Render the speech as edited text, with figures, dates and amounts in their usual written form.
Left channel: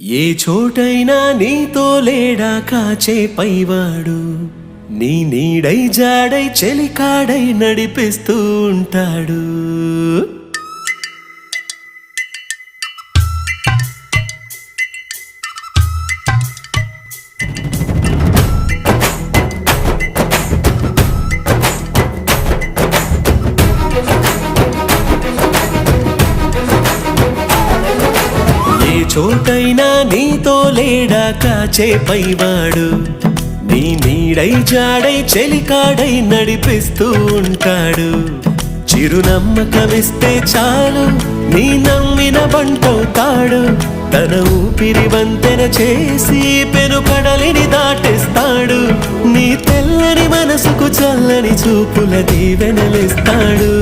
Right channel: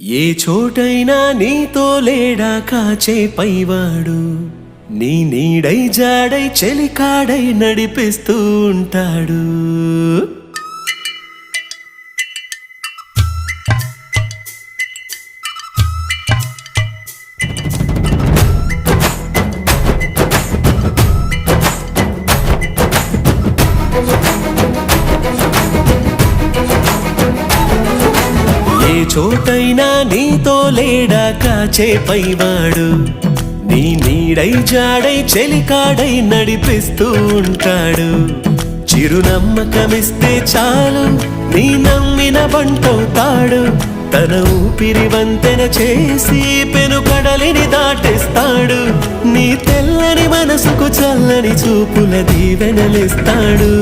ఏ చోటైనా నీతో లేడా కాచే పైవాడు, నీ నీడై జాడై చెలికాడై నడిపిస్తూ ఉంటాడు. ఏ చోటైనా నీతో లేడా కాచే పైవాడు, నీ నీడై జాడై చెలికాడై నడిపిస్తూ ఉంటాడు. చిరునమ్మకమిస్తే చాలు నీ నమ్మిన బంటవుతాడు. తన ఊపిరి వంతెన చేసి పెను కడలిని దాటిస్తాడు. నీ తెల్లని మనసుకు చల్లని చూపుల దీవెనలిస్తాడు.